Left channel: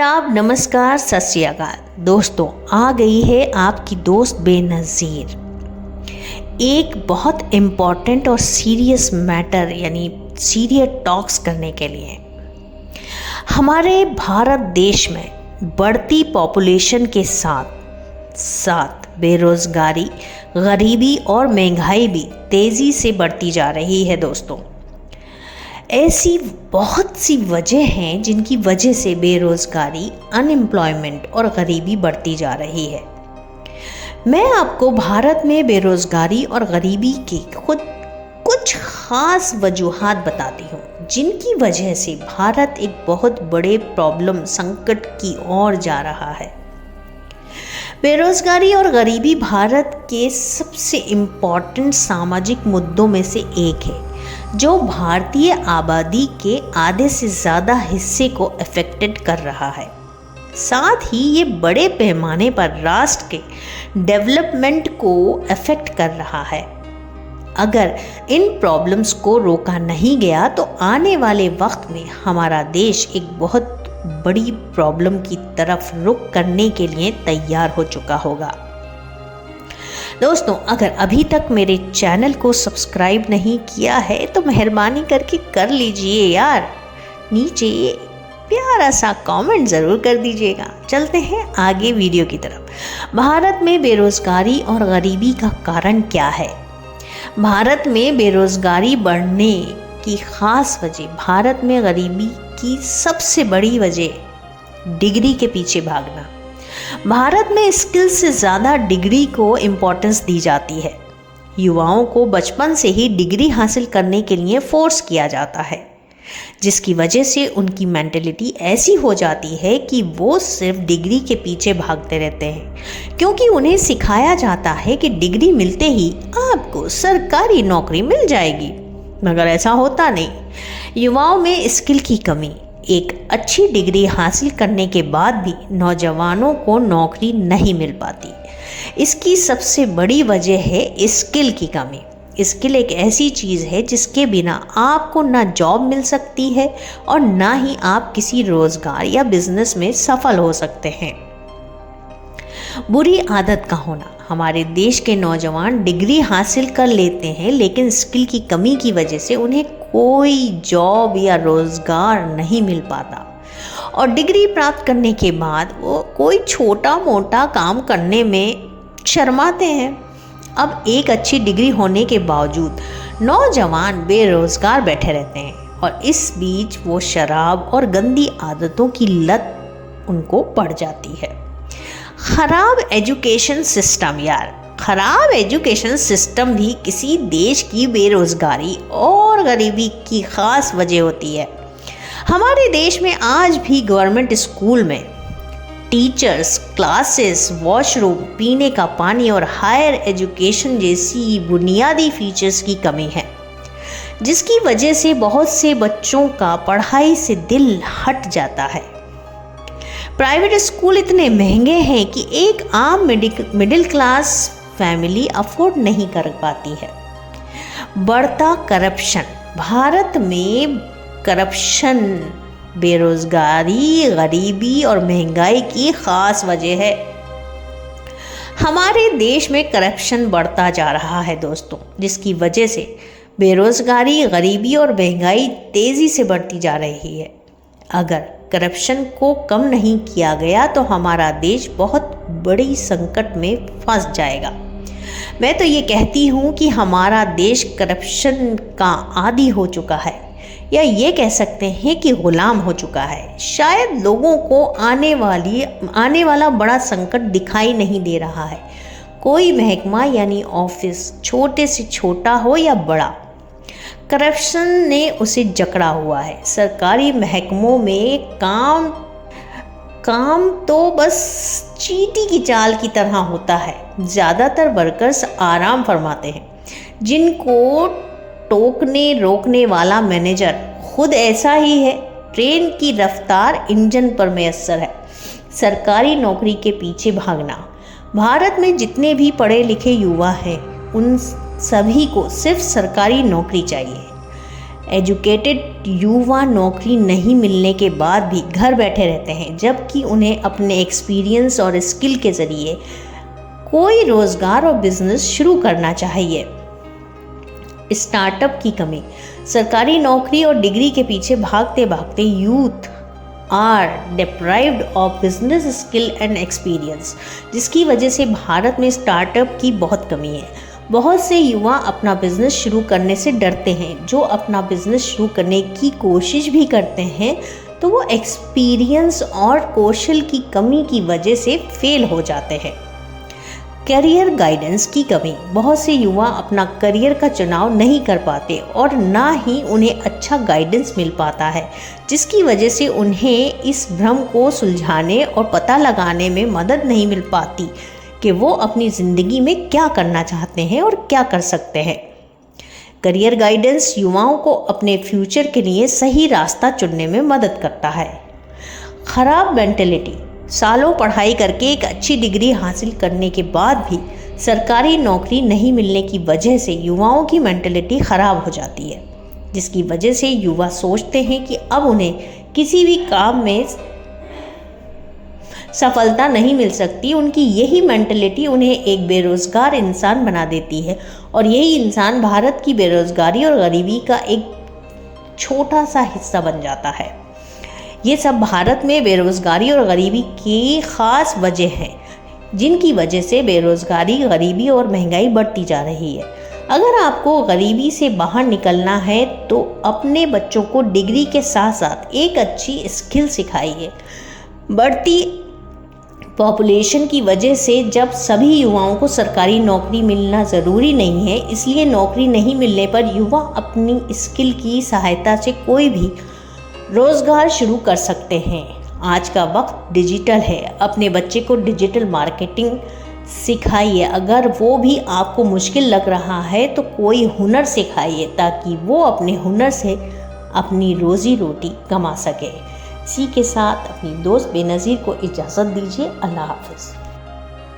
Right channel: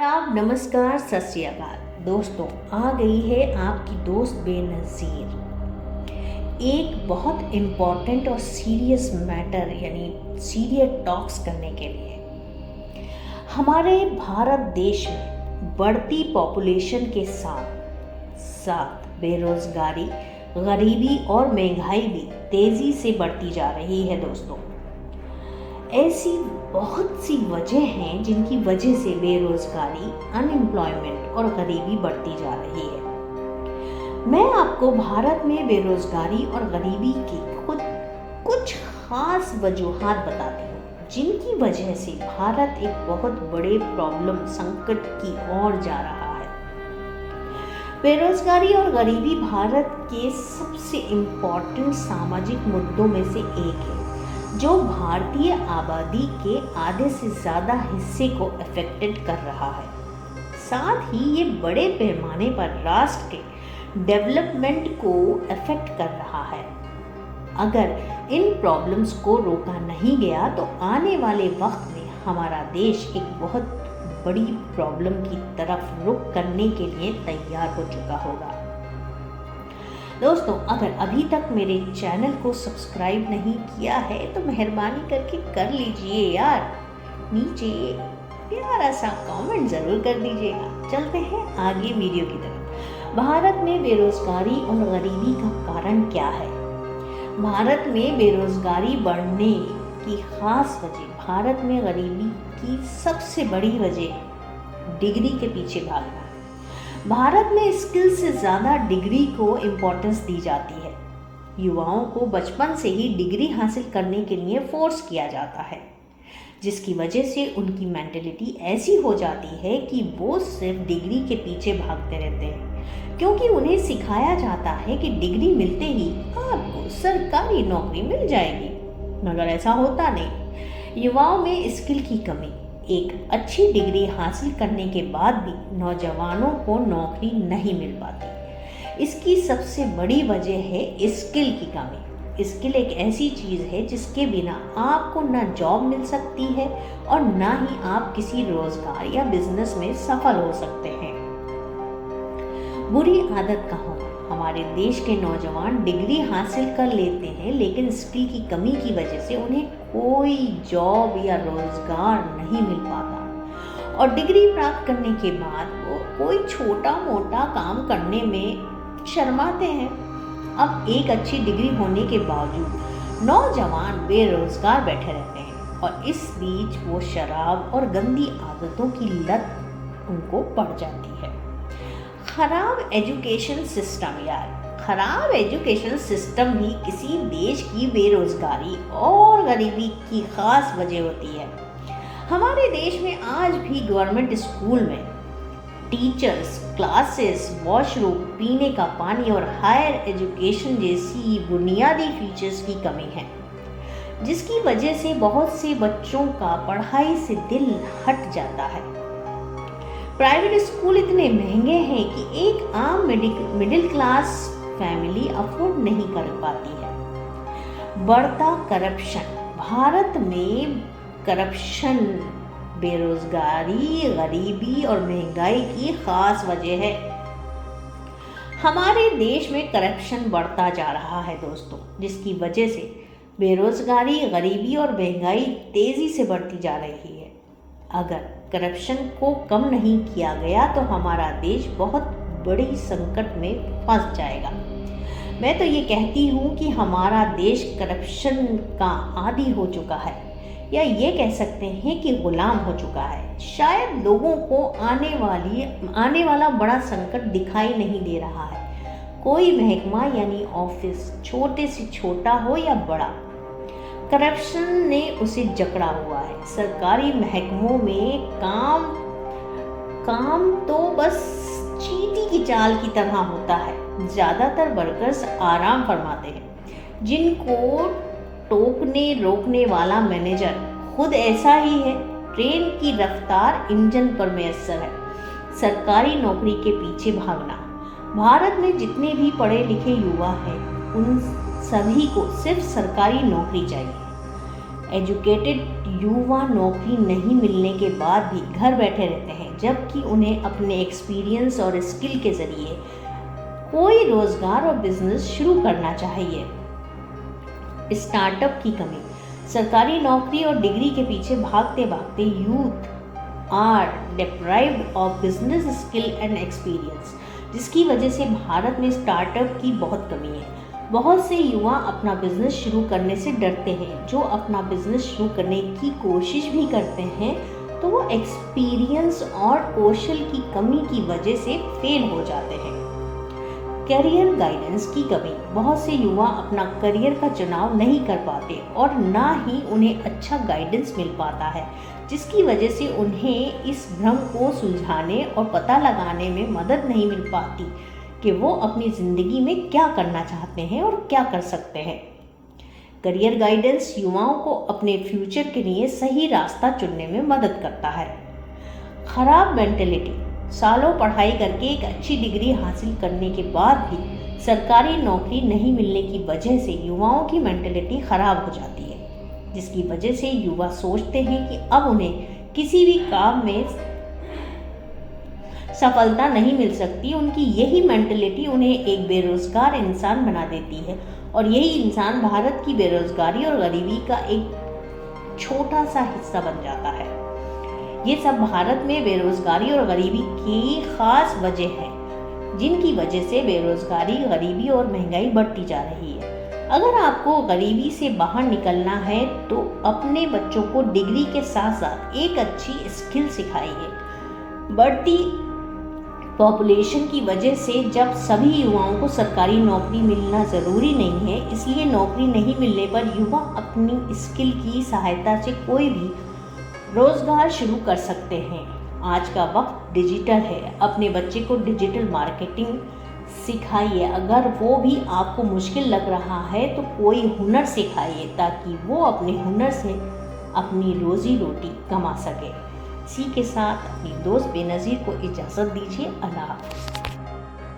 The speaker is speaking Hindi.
आदाब, नमस्कार, सत श्री अकाल। दोस्तों, आ गई है आपकी दोस्त बेनज़ीर एक बहुत इम्पॉर्टेंट और सीरियस मैटर यानी सीरियस टॉक्स करने के लिए। हमारे भारत देश में बढ़ती पॉपुलेशन के साथ साथ बेरोज़गारी, गरीबी और महंगाई भी तेज़ी से बढ़ती जा रही है। दोस्तों, ऐसी बहुत सी वजह हैं जिनकी वजह से बेरोज़गारी, अनएम्प्लॉयमेंट और गरीबी बढ़ती जा रही है। मैं आपको भारत में बेरोज़गारी और गरीबी की कुछ ख़ास वजूहात बताती हूँ जिनकी वजह से भारत एक बहुत बड़े प्रॉब्लम, संकट की ओर जा रहा है। बेरोज़गारी और गरीबी भारत के सबसे इम्पॉर्टेंट सामाजिक मुद्दों में से एक है जो भारतीय आबादी के आधे से ज़्यादा हिस्से को अफेक्टेड कर रहा है। साथ ही ये बड़े पैमाने पर राष्ट्र के डेवलपमेंट को अफेक्ट कर रहा है। अगर इन प्रॉब्लम्स को रोका नहीं गया तो आने वाले वक्त में हमारा देश एक बहुत बड़ी प्रॉब्लम की तरफ रुख करने के लिए तैयार हो चुका होगा। दोस्तों, अगर अभी तक मेरे चैनल को सब्सक्राइब नहीं किया है तो मेहरबानी करके कर लीजिए यार। नीचे प्यारा सा कमेंट ज़रूर कर दीजिएगा। चलते हैं आगे वीडियो की तरफ। भारत में बेरोज़गारी और गरीबी का कारण क्या है? भारत में बेरोज़गारी बढ़ने की ख़ास वजह, भारत में गरीबी की सबसे बड़ी वजह डिग्री के पीछे भागना। भारत में स्किल से ज़्यादा डिग्री को इम्पोर्टेंस दी जाती है। युवाओं को बचपन से ही डिग्री हासिल करने के लिए फोर्स किया जाता है, जिसकी वजह से उनकी मेंटेलिटी ऐसी हो जाती है कि वो सिर्फ डिग्री के पीछे भागते रहते हैं, क्योंकि उन्हें सिखाया जाता है कि डिग्री मिलते ही आपको सरकारी नौकरी मिल जाएगी। मगर ऐसा होता नहीं। युवाओं में स्किल की कमी, एक अच्छी डिग्री हासिल करने के बाद भी नौजवानों को नौकरी नहीं मिल पाती। इसकी सबसे बड़ी वजह है स्किल की कमी। स्किल एक ऐसी चीज़ है जिसके बिना आपको ना जॉब मिल सकती है और ना ही आप किसी रोज़गार या बिजनेस में सफल हो सकते हैं। बुरी आदत का होना, हमारे देश के नौजवान डिग्री हासिल कर लेते हैं लेकिन स्किल की कमी की वजह से उन्हें कोई जॉब या रोज़गार नहीं मिल पाता और डिग्री प्राप्त करने के बाद वो कोई छोटा मोटा काम करने में शर्माते हैं। अब एक अच्छी डिग्री होने के बावजूद नौजवान बेरोज़गार बैठे रहते हैं और इस बीच वो शराब और गंदी आदतों की लत उनको पड़ जाती है। ख़राब एजुकेशन सिस्टम, यार ख़राब एजुकेशन सिस्टम भी किसी देश की बेरोज़गारी और गरीबी की ख़ास वजह होती है। हमारे देश में आज भी गवर्नमेंट स्कूल में टीचर्स, क्लासेस, वॉशरूम, पीने का पानी और हायर एजुकेशन जैसी बुनियादी फीचर्स की कमी है, जिसकी वजह से बहुत से बच्चों का पढ़ाई से दिल हट जाता है। प्राइवेट स्कूल इतने महंगे हैं कि एक आम मिडिल क्लास फैमिली अफोर्ड नहीं कर पाती है। बढ़ता करप्शन, भारत में करप्शन बेरोज़गारी, गरीबी और महंगाई की ख़ास वजह है। हमारे देश में करप्शन बढ़ता जा रहा है दोस्तों, जिसकी वजह से बेरोज़गारी, गरीबी और महंगाई तेज़ी से बढ़ती जा रही है। अगर करप्शन को कम नहीं किया गया तो हमारा देश बहुत बड़ी संकट में फंस जाएगा। मैं तो ये कहती हूँ कि हमारा देश करप्शन का आदी हो चुका है, या ये कह सकते हैं कि गुलाम हो चुका है। शायद लोगों को आने वाला बड़ा संकट दिखाई नहीं दे रहा है। कोई महकमा यानी ऑफिस छोटे से छोटा हो या बड़ा, करप्शन ने उसे जकड़ा हुआ है। सरकारी महकमों में काम तो बस चींटी की चाल की तरह होता है। ज़्यादातर वर्कर्स आराम फरमाते हैं, जिनको टोकने रोकने वाला मैनेजर खुद ऐसा ही है। ट्रेन की रफ्तार इंजन पर मैसर है। सरकारी नौकरी के पीछे भागना, भारत में जितने भी पढ़े लिखे युवा हैं उन सभी को सिर्फ सरकारी नौकरी चाहिए। एजुकेटेड युवा नौकरी नहीं मिलने के बाद भी घर बैठे रहते हैं, जबकि उन्हें अपने एक्सपीरियंस और स्किल के ज़रिए कोई रोज़गार और बिजनेस शुरू करना चाहिए। स्टार्टअप की कमी। सरकारी नौकरी और डिग्री के पीछे भागते भागते youth are deprived of business skill and experience, जिसकी वजह से भारत में स्टार्टअप की बहुत कमी है। बहुत से युवा अपना बिजनेस शुरू करने से डरते हैं। जो अपना बिजनेस शुरू करने की कोशिश भी करते हैं तो वो एक्सपीरियंस और कौशल की कमी की वजह से फेल हो जाते हैं। करियर गाइडेंस की कमी। बहुत से युवा अपना करियर का चुनाव नहीं कर पाते और ना ही उन्हें अच्छा गाइडेंस मिल पाता है, जिसकी वजह से उन्हें इस भ्रम को सुलझाने और पता लगाने में मदद नहीं मिल पाती कि वो अपनी ज़िंदगी में क्या करना चाहते हैं और क्या कर सकते हैं। करियर गाइडेंस युवाओं को अपने फ्यूचर के लिए सही रास्ता चुनने में मदद करता है। खराब मेंटेलिटी। सालों पढ़ाई करके एक अच्छी डिग्री हासिल करने के बाद भी सरकारी नौकरी नहीं मिलने की वजह से युवाओं की मेंटेलिटी ख़राब हो जाती है, जिसकी वजह से युवा सोचते हैं कि अब उन्हें किसी भी काम में सफलता नहीं मिल सकती। उनकी यही मेंटेलिटी उन्हें एक बेरोज़गार इंसान बना देती है और यही इंसान भारत की बेरोज़गारी और गरीबी का एक छोटा सा हिस्सा बन जाता है। ये सब भारत में बेरोज़गारी और गरीबी की ख़ास वजह है, जिनकी वजह से बेरोज़गारी, गरीबी और महंगाई बढ़ती जा रही है। अगर आपको गरीबी से बाहर निकलना है तो अपने बच्चों को डिग्री के साथ साथ एक अच्छी स्किल सिखाइए। बढ़ती पॉपुलेशन की वजह से जब सभी युवाओं को सरकारी नौकरी मिलना ज़रूरी नहीं है, इसलिए नौकरी नहीं मिलने पर युवा अपनी स्किल की सहायता से कोई भी रोज़गार शुरू कर सकते हैं। आज का वक्त डिजिटल है, अपने बच्चे को डिजिटल मार्केटिंग सिखाइए। अगर वो भी आपको मुश्किल लग रहा है तो कोई हुनर सिखाइए ताकि वो अपने हुनर से अपनी रोज़ी रोटी कमा सके। इसी के साथ अपनी दोस्त बेनज़ीर को इजाज़त दीजिए। अल्लाह हाफ़िज़।